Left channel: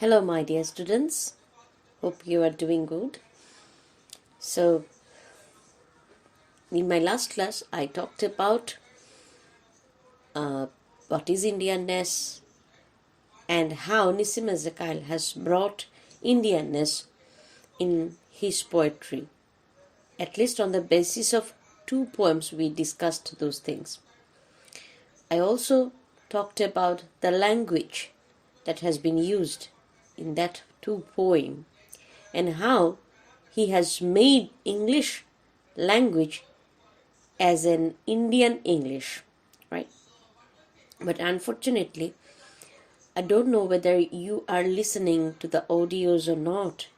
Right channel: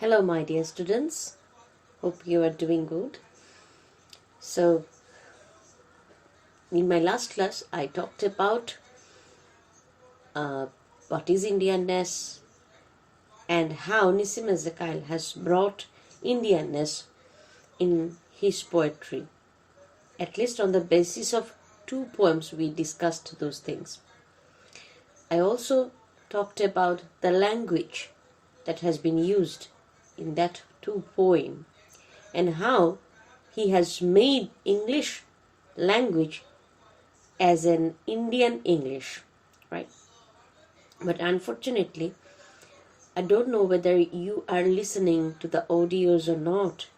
Hello, my dear students. Hope you are doing good. So, in my last class, I talked about uh, what is Indianness and how Nissim Ezekiel has brought Indianness in his poetry. At least on the basis of two poems, we discussed those things. I also talked about the language that has been used in that two poem and how he has made English language as an Indian English, right? But unfortunately, I don't know whether you are listening to the audios or not,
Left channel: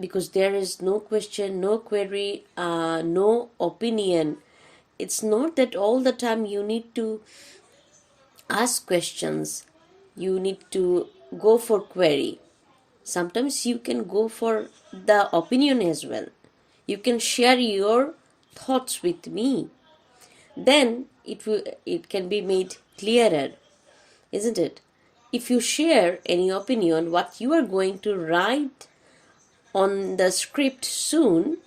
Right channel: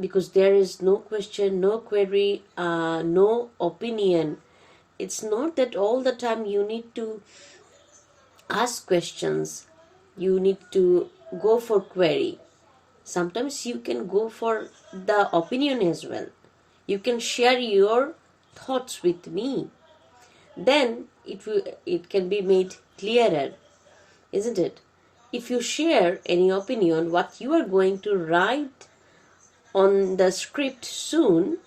because there is no question, no query, no opinion. It's not that all the time you need to ask questions, you need to go for query. Sometimes you can go for the opinion as well. You can share your thoughts with me. Then it can be made clearer, isn't it? If you share any opinion, what you are going to write on the script soon,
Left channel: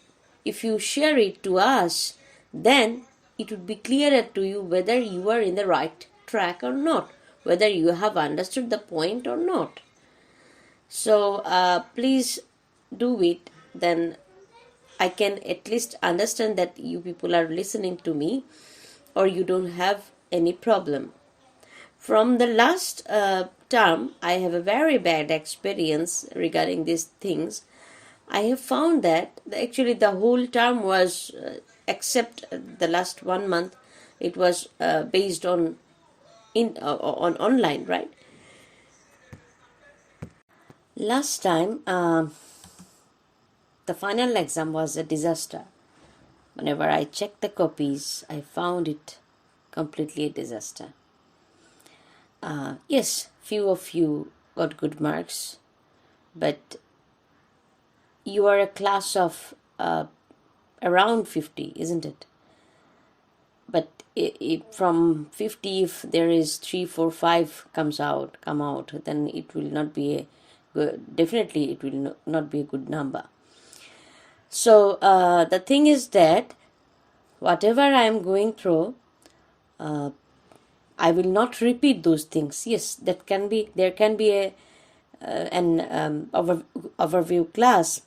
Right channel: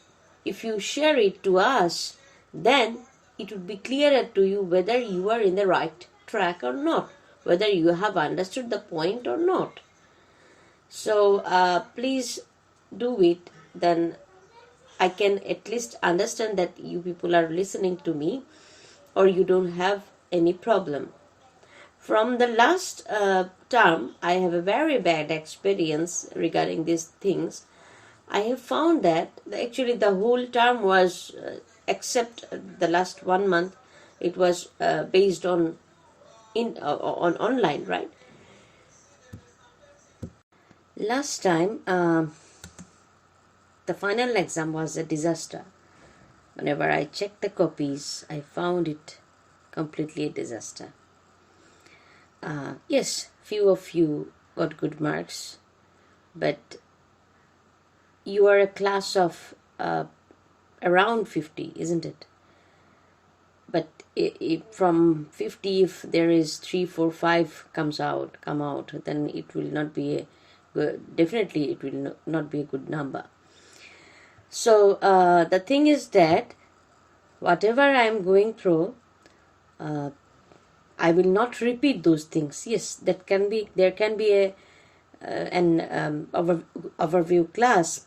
if you share it to us, then it would be clearer to you whether you are in the right track or not, whether you have understood the point or not. So please do it, then I can at least understand that you people are listening to me or you don't have any problem. From the last term, I have a very bad experience regarding these things. I have found that actually the whole term was, except the last 1 month, it was based on online, right? Last time, the final exam was a disaster. Whenever I checked the copies, I found it completely a disaster. Yes, few of you got good marks, but you are a class of around 50, isn't it? But from 50, if there is 3, 4, 5 come out, then it will not be a good, definitely it will not be a good number. So the thing is that whatever I am going through, I will not repeat those things. Yes, there can be an overview class,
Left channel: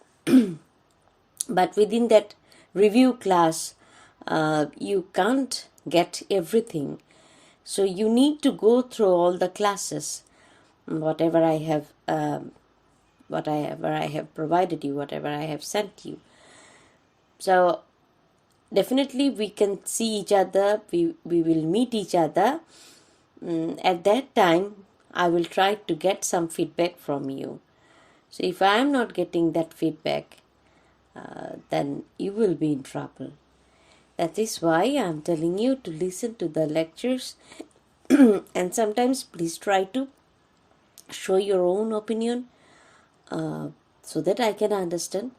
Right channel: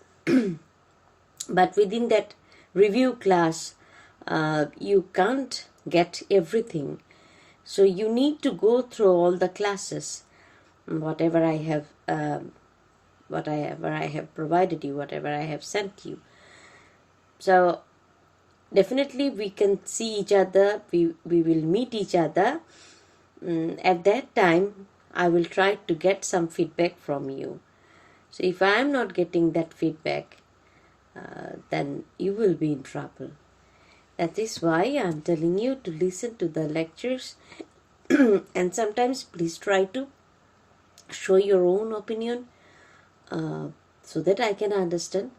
but within that review class, you can't get everything. So you need to go through all the classes, whatever I have provided you, whatever I have sent you. So definitely we can see each other, we will meet each other. At that time, I will try to get some feedback from you. So if I am not getting that feedback, then you will be in trouble. That is why I am telling you to listen to the lectures and sometimes please try to show your own opinion so that I can understand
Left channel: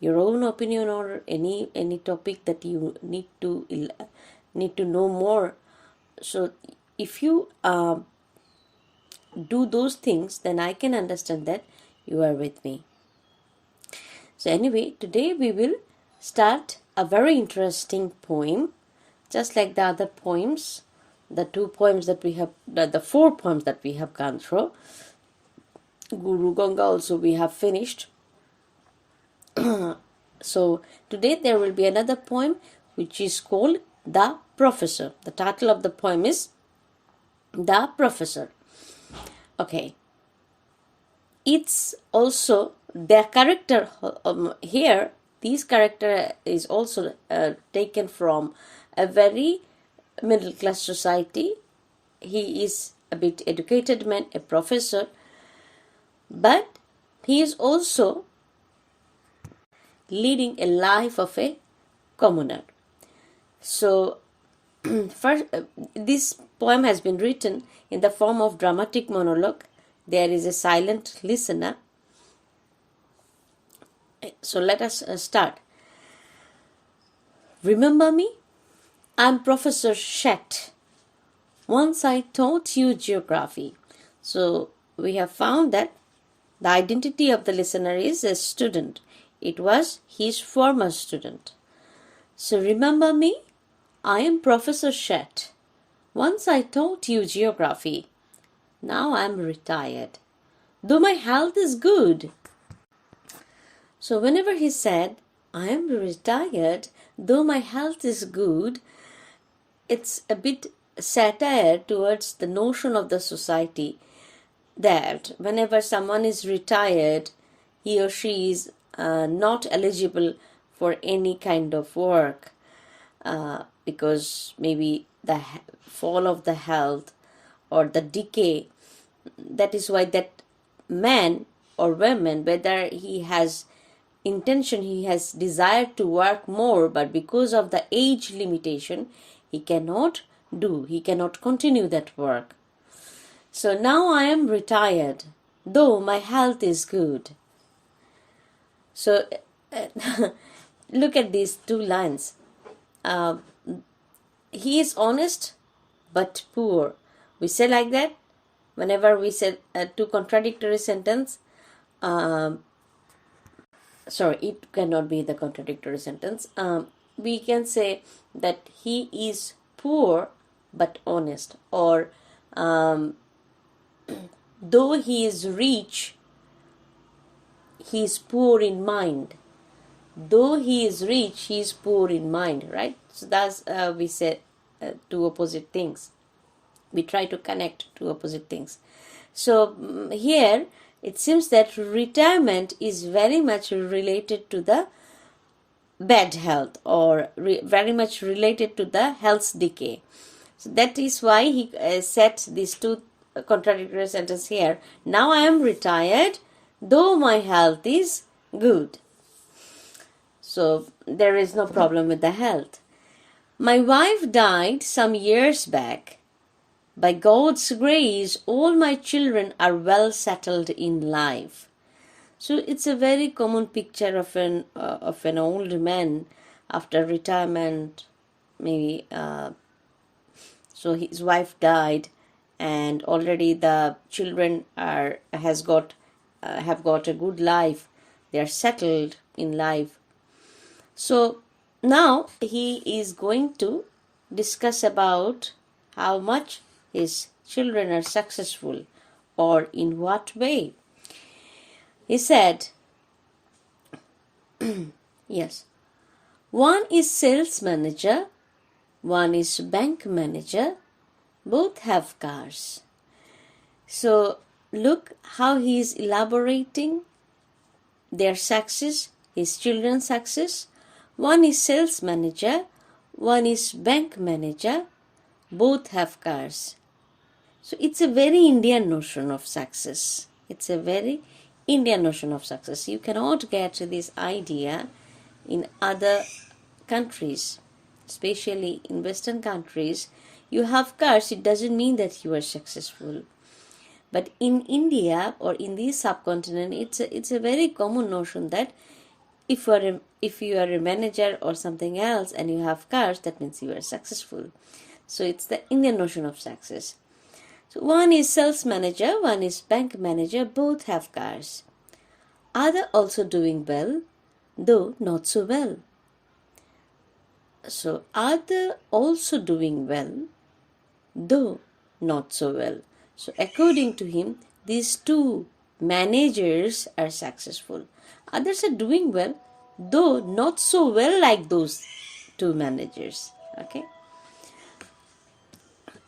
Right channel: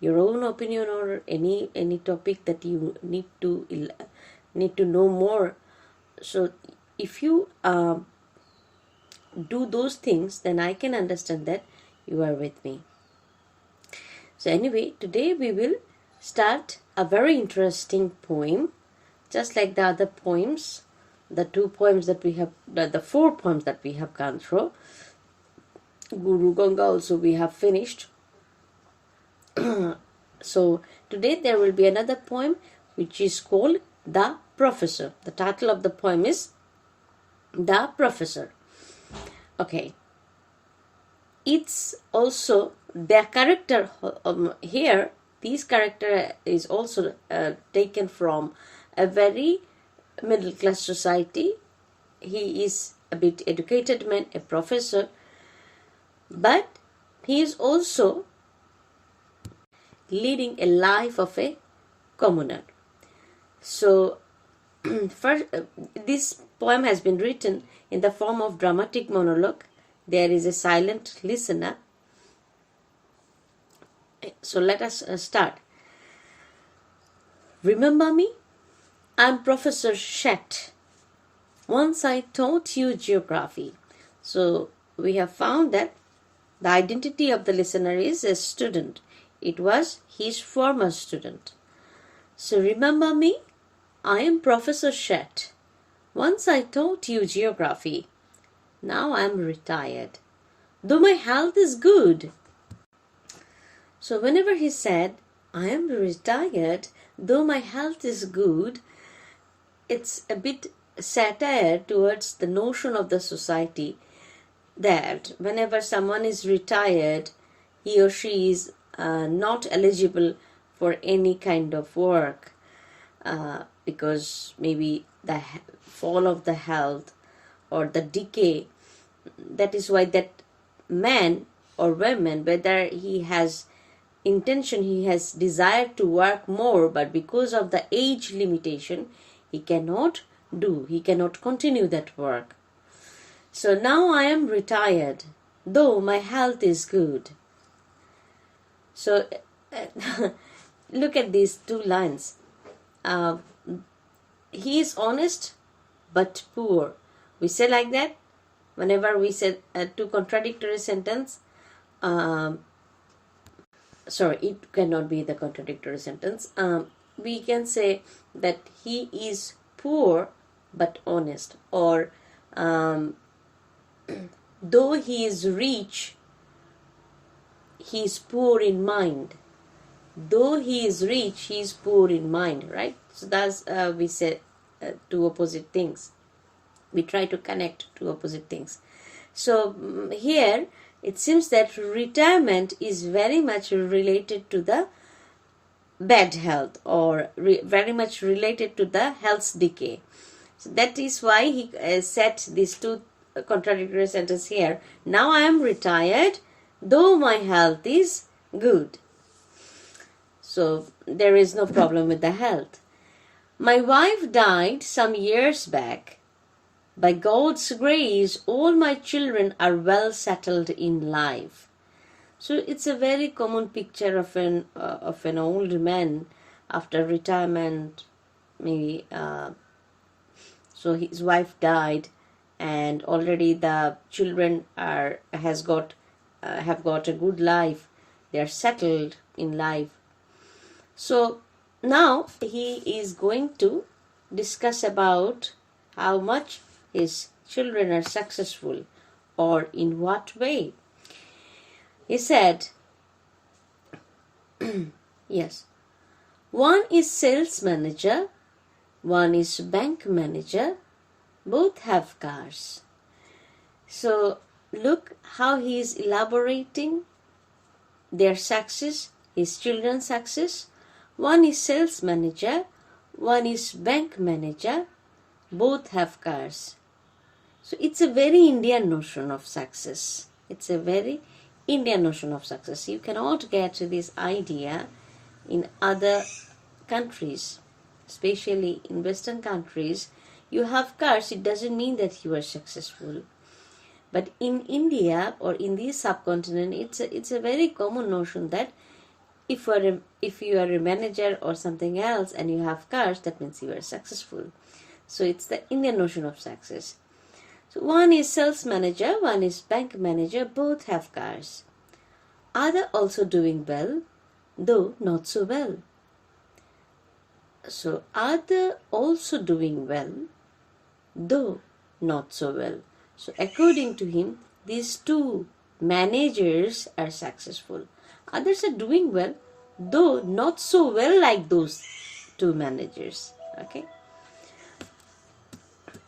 your own opinion or any topic that you need to know more. So if you do those things, then I can understand that you are with me. So anyway, today we will start a very interesting poem, just like the other poems, the 2 poems that we have, the 4 poems that we have gone through. Guru Ganga also we have finished. So today there will be another poem which is called The Professor. The title of the poem is The Professor. Okay. It's also their character here. This character is also taken from a very middle class society. He is a bit educated man, a professor, but he is also leading a life of a commoner. So first, this poem has been written in the form of dramatic monologue. There is a silent listener. So let us start. Remember me? I'm Professor Shet. Once I taught you geography. So we have found that the identity of the listener is a student. It was his former student. So remember me? I am Professor Shet. Once I taught you geography. Now I am retired. Though my health is good. So whenever he said, I am retired, though my health is good, it's a bit satire towards the notion of the society that whenever someone is retired, he or she is not eligible for any kind of work because maybe the fall of the health or the decay. That is why that man or woman, whether he has intention, he has desire to work more, but because of the age limitation, he cannot continue that work. So now I am retired, though my health is good. So look at these two lines. He is honest but poor. We say like that whenever we say two contradictory sentence. Sorry, it cannot be the contradictory sentence. We can say that he is poor but honest, or though he is rich, he is poor in mind. Though he is rich, he is poor in mind, right? So that's we say two opposite things. We try to connect two opposite things. So here it seems that retirement is very much related to the bad health, or very much related to the health decay. So that is why he set these two contradictory sentences here. Now I am retired, though my health is good. So there is no problem with the health. My wife died some years back. By God's grace, all my children are well settled in life. So it's a very common picture of an old man after retirement, maybe. So his wife died, and already the children have got a good life. They are settled in life. So now he is going to discuss about how much his children are successful, or in what way. He said, yes, one is sales manager, one is bank manager, both have cars. So look how he is elaborating their success, his children's success. One is sales manager, one is bank manager, both have cars. So it's a very Indian notion of success. It's a very Indian notion of success. You cannot get this idea in other countries, especially in Western countries. You have cars, it doesn't mean that you are successful. But in India or in the subcontinent, it's a very common notion that if you are a manager or something else and you have cars, that means you are successful. So it's the Indian notion of success. So one is sales manager, one is bank manager, both have cars. Other also doing well, though not so well. So other also doing well, though not so well. So according to him, these two managers are successful. Others are doing well, though not so well like those two managers. Okay.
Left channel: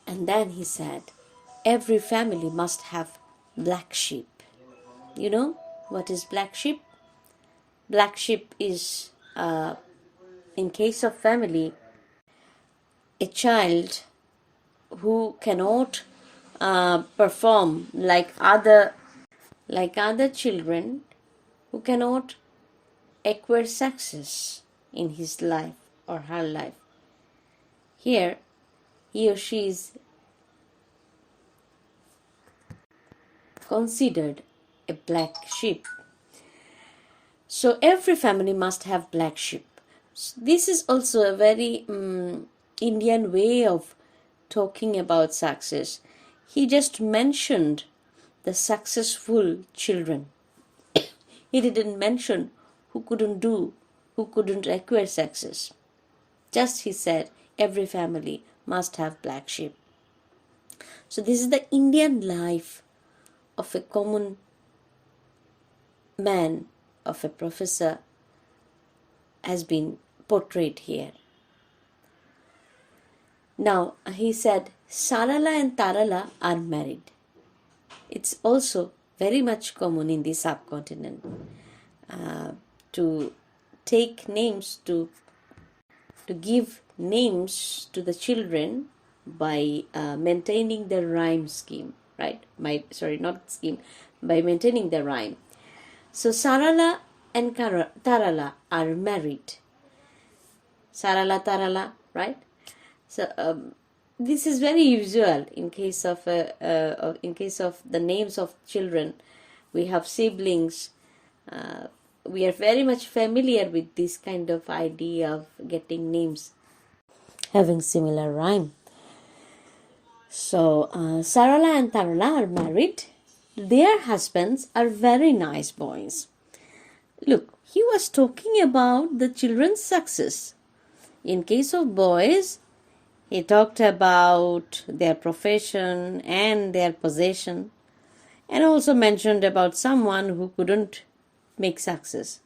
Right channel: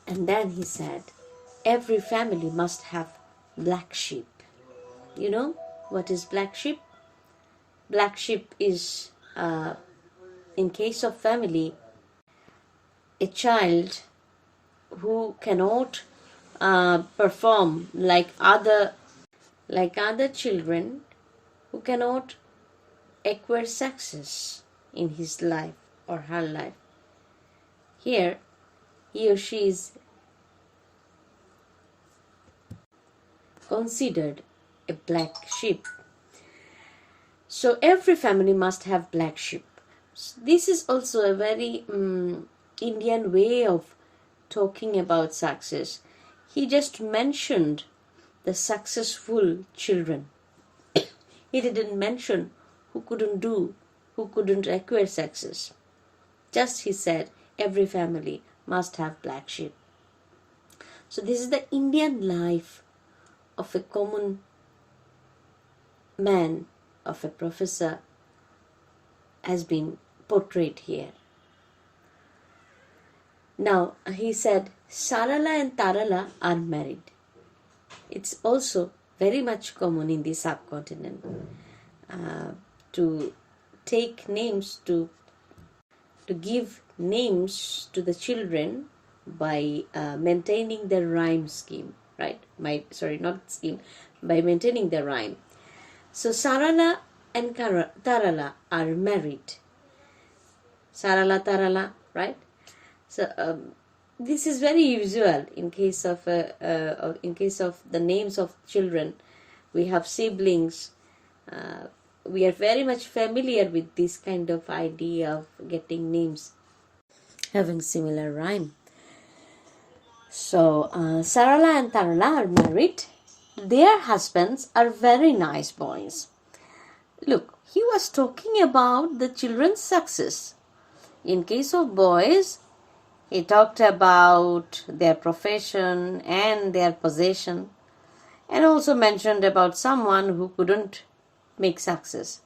And then he said, every family must have black sheep. You know what is black sheep? Black sheep is, in case of family, a child who cannot perform like other children, who cannot acquire success in his life or her life. Here, he or she is considered a black sheep. So every family must have black sheep. This is also a very Indian way of talking about success. He just mentioned the successful children. He didn't mention who couldn't acquire success. Just he said, every family must have black sheep. So this is the Indian life of a common man, of a professor, has been portrayed here. Now he said, Sarala and Tarala are married. It's also very much common in the subcontinent to take names, to give names to the children by maintaining the rhyme scheme, right? By maintaining the rhyme. So Sarala and Tarala are married. Sarala, Tarala, right? So this is very usual in case of the names of children. We have siblings. We are very much familiar with this kind of idea of getting names having similar rhyme. So Sarala and Tarala are married. Their husbands are very nice boys. Look, he was talking about the children's success. In case of boys, he talked about their profession and their possession, and also mentioned about someone who couldn't make success.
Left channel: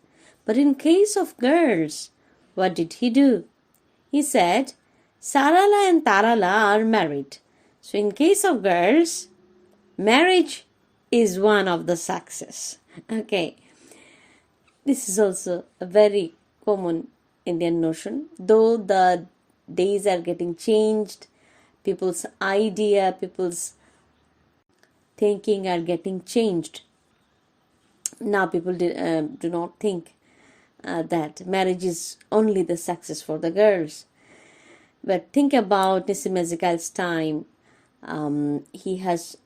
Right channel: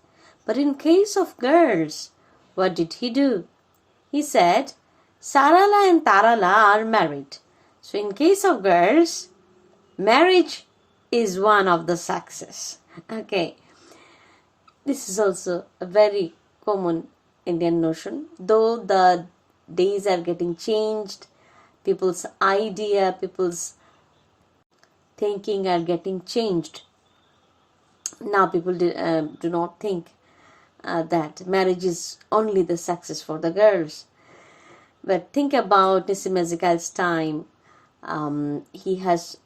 But in case of girls, what did he do? He said, Sarala and Tarala are married. So in case of girls, marriage is one of the success. Okay. This is also a very common Indian notion. Though the days are getting changed, people's idea, people's thinking are getting changed. Now people do not think that marriage is only the success for the girls. But think about Nissim Ezekiel's time. He has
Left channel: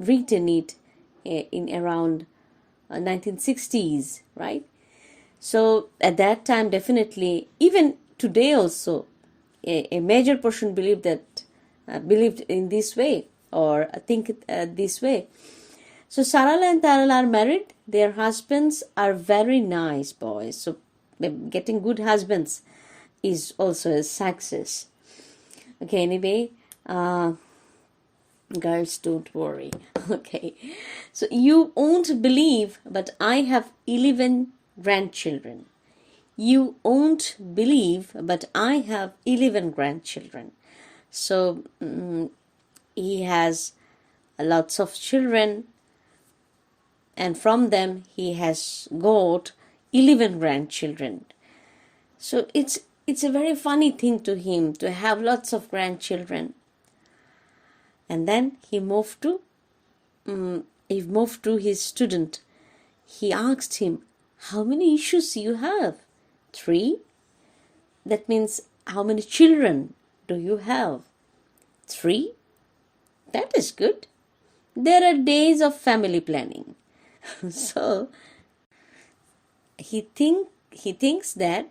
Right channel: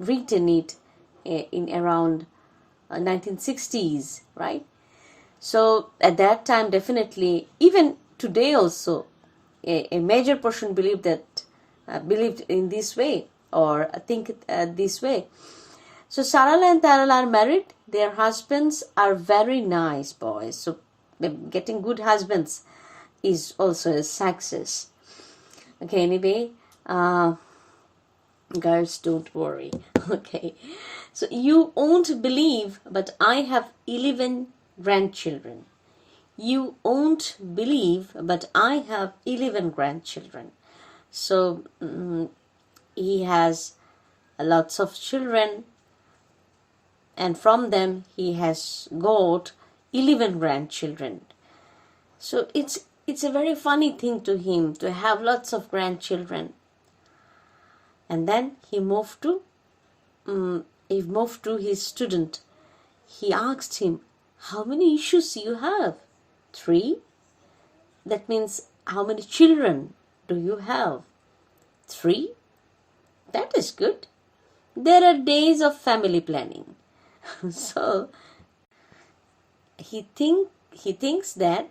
written it in around 1960s, right? So at that time, definitely, even today also, a major portion believed in this way, or think this way. So Sarala and Tarala are married. Their husbands are very nice boys. So getting good husbands is also a success. Okay, anyway, girls, don't worry. Okay, so you won't believe, but I have 11 grandchildren. You won't believe, but I have 11 grandchildren. So he has lots of children, and from them he has got 11 grandchildren. So it's a very funny thing to him to have lots of grandchildren. And then he moved to his student. He asked him, how many issues you have? 3. That means, how many children do you have? 3. That is good. There are days of family planning. So he thinks that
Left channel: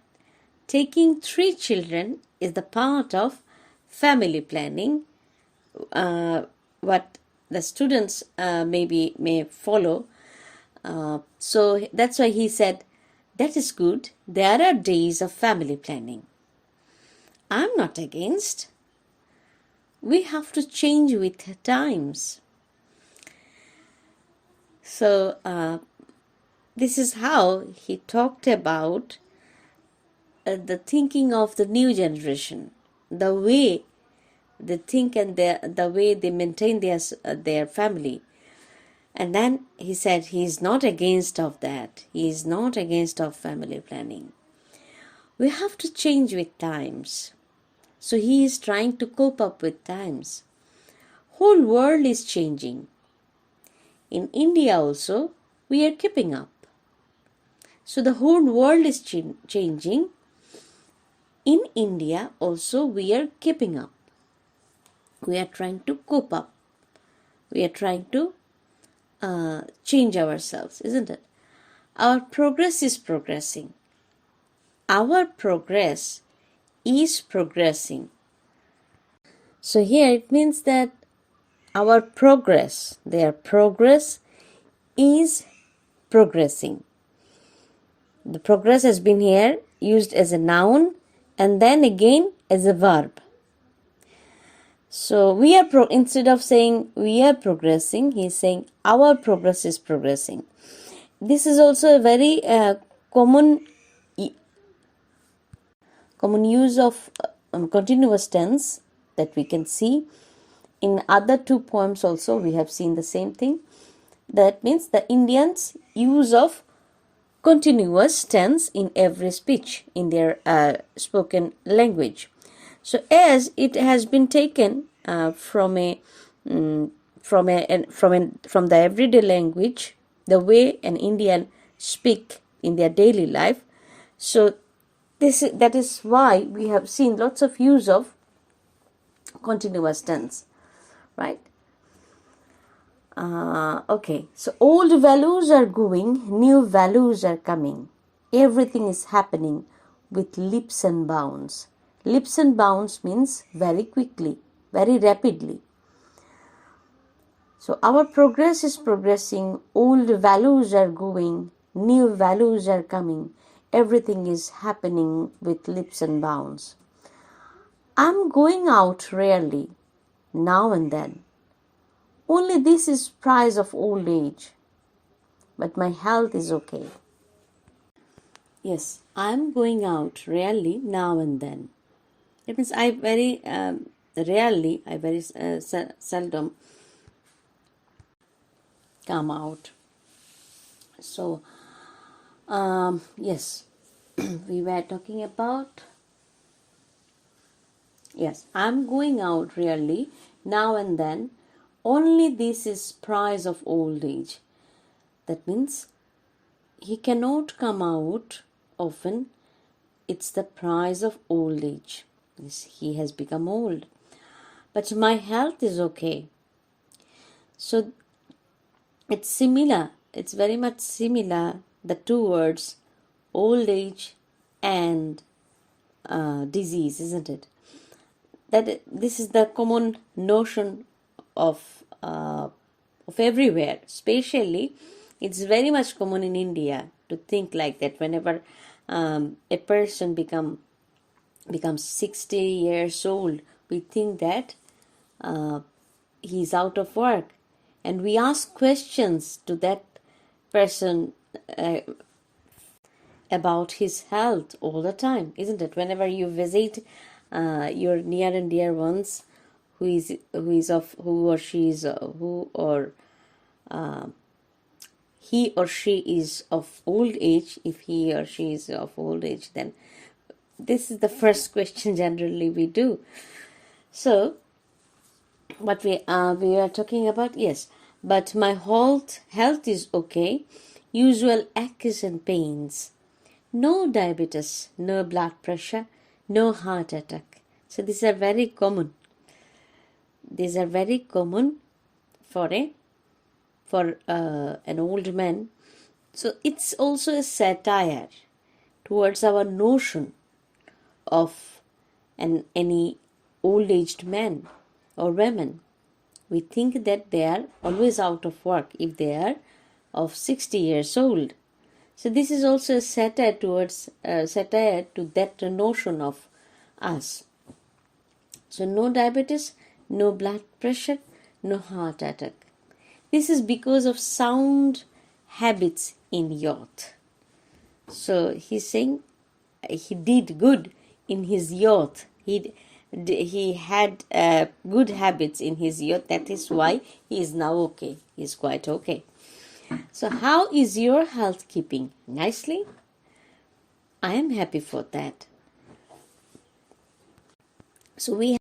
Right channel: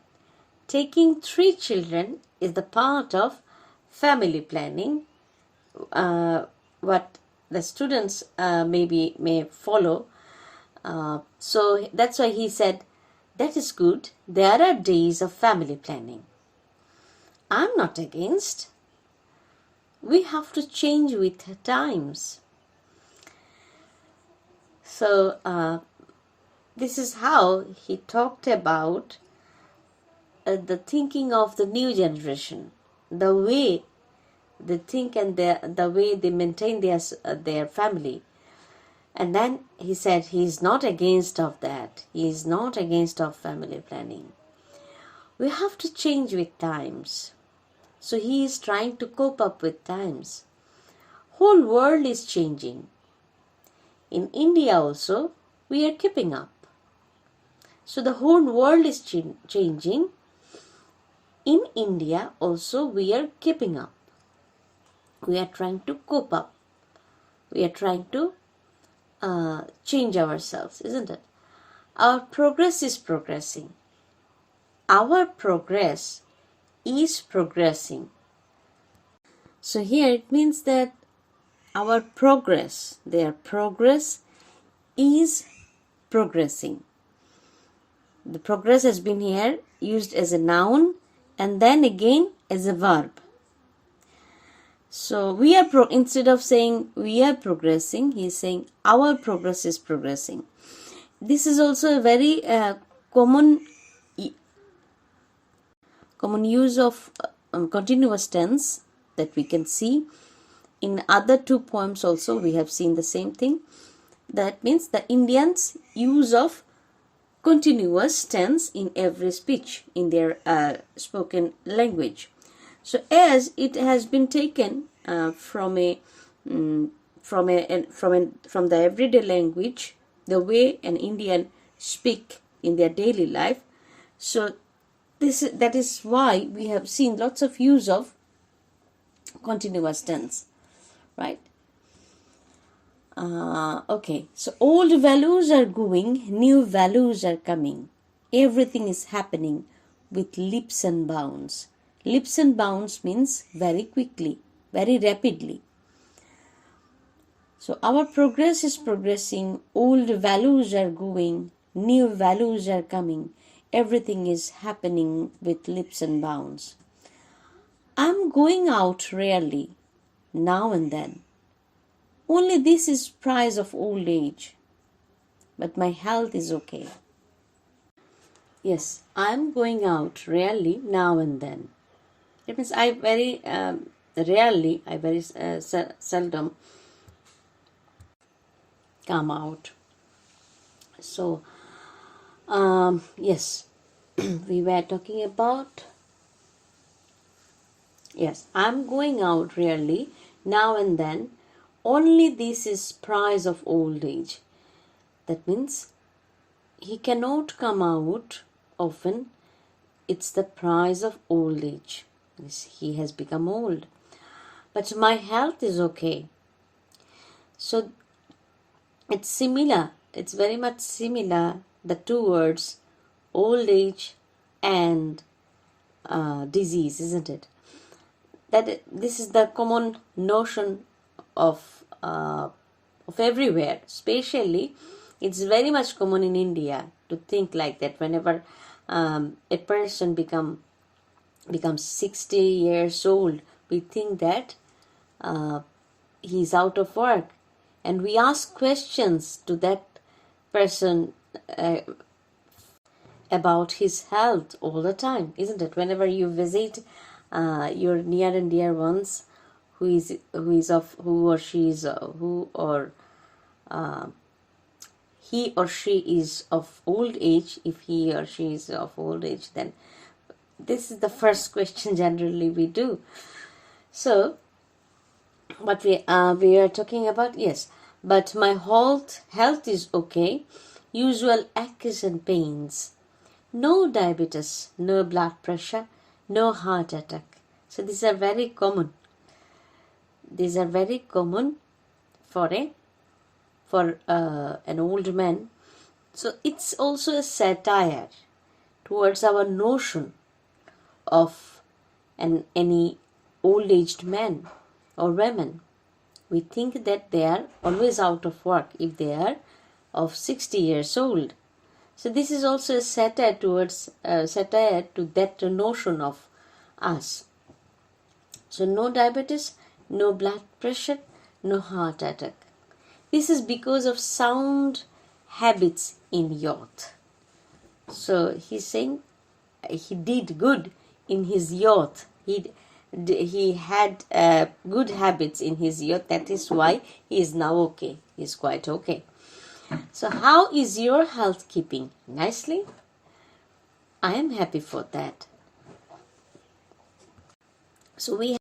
taking 3 children is the part of family planning. What the students may follow. So that's why he said, that is good. There are days of family planning. I'm not against. We have to change with times. So this is how he talked about the thinking of the new generation, the way they think and the way they maintain their family. And then he said he is not against of that. He is not against of family planning. We have to change with times. So he is trying to cope up with times. Whole world is changing. In India also, we are keeping up. So the whole world is changing. In India also, we are keeping up. We are trying to cope up. We are trying to change ourselves, isn't it? Our progress is progressing. Our progress is progressing. So here it means that our progress, their progress is progressing. The progress has been here used as a noun and then again as a verb. So we are instead of saying we are progressing, he is saying our progress is progressing. This is also a very common use of continuous tense that we can see. In other two poems also we have seen the same thing. That means the Indians' use of continuous tense in every speech in their spoken language. So as it has been taken from the everyday language, the way an Indian speak in their daily life, so that is why we have seen lots of use of continuous tense, right? Okay, so old values are going, new values are coming. Everything is happening with leaps and bounds. Leaps and bounds means very quickly, very rapidly. So our progress is progressing, old values are going, new values are coming. Everything is happening with leaps and bounds. I'm going out rarely, now and then. Only this is price of old age, but my health is okay. Yes, I'm going out rarely now and then. It means I very rarely, I very seldom come out. So, yes, we were talking about, yes, I'm going out rarely now and then. Only this is price of old age. That means he cannot come out often. It's the price of old age. He has become old. But my health is okay. So it's similar. It's very much similar, the two words, old age and disease, isn't it? That this is the common notion of everywhere. Especially, it's very much common in India to think like that. Whenever a person becomes 60 years old, we think that he's out of work, and we ask questions to that person about his health all the time, isn't it? Whenever you visit your near and dear ones, who or she is he or she is of old age, if he or she is of old age, then this is the first question generally we do. So what we are talking about, yes, but my health is okay. Usual aches and pains. No diabetes, no blood pressure, no heart attack. So these are very common. These are very common for an old man. So it's also a satire towards our notion of any old-aged man or women. We think that they are always out of work if they are of 60 years old. So this is also a satire towards satire to that notion of us. So no diabetes, no blood pressure, no heart attack. This is because of sound habits in youth. So he's saying he did good in his youth. He had good habits in his youth. That is why he is now okay. He is quite okay. So how is your health keeping? Nicely? I am happy for that. So we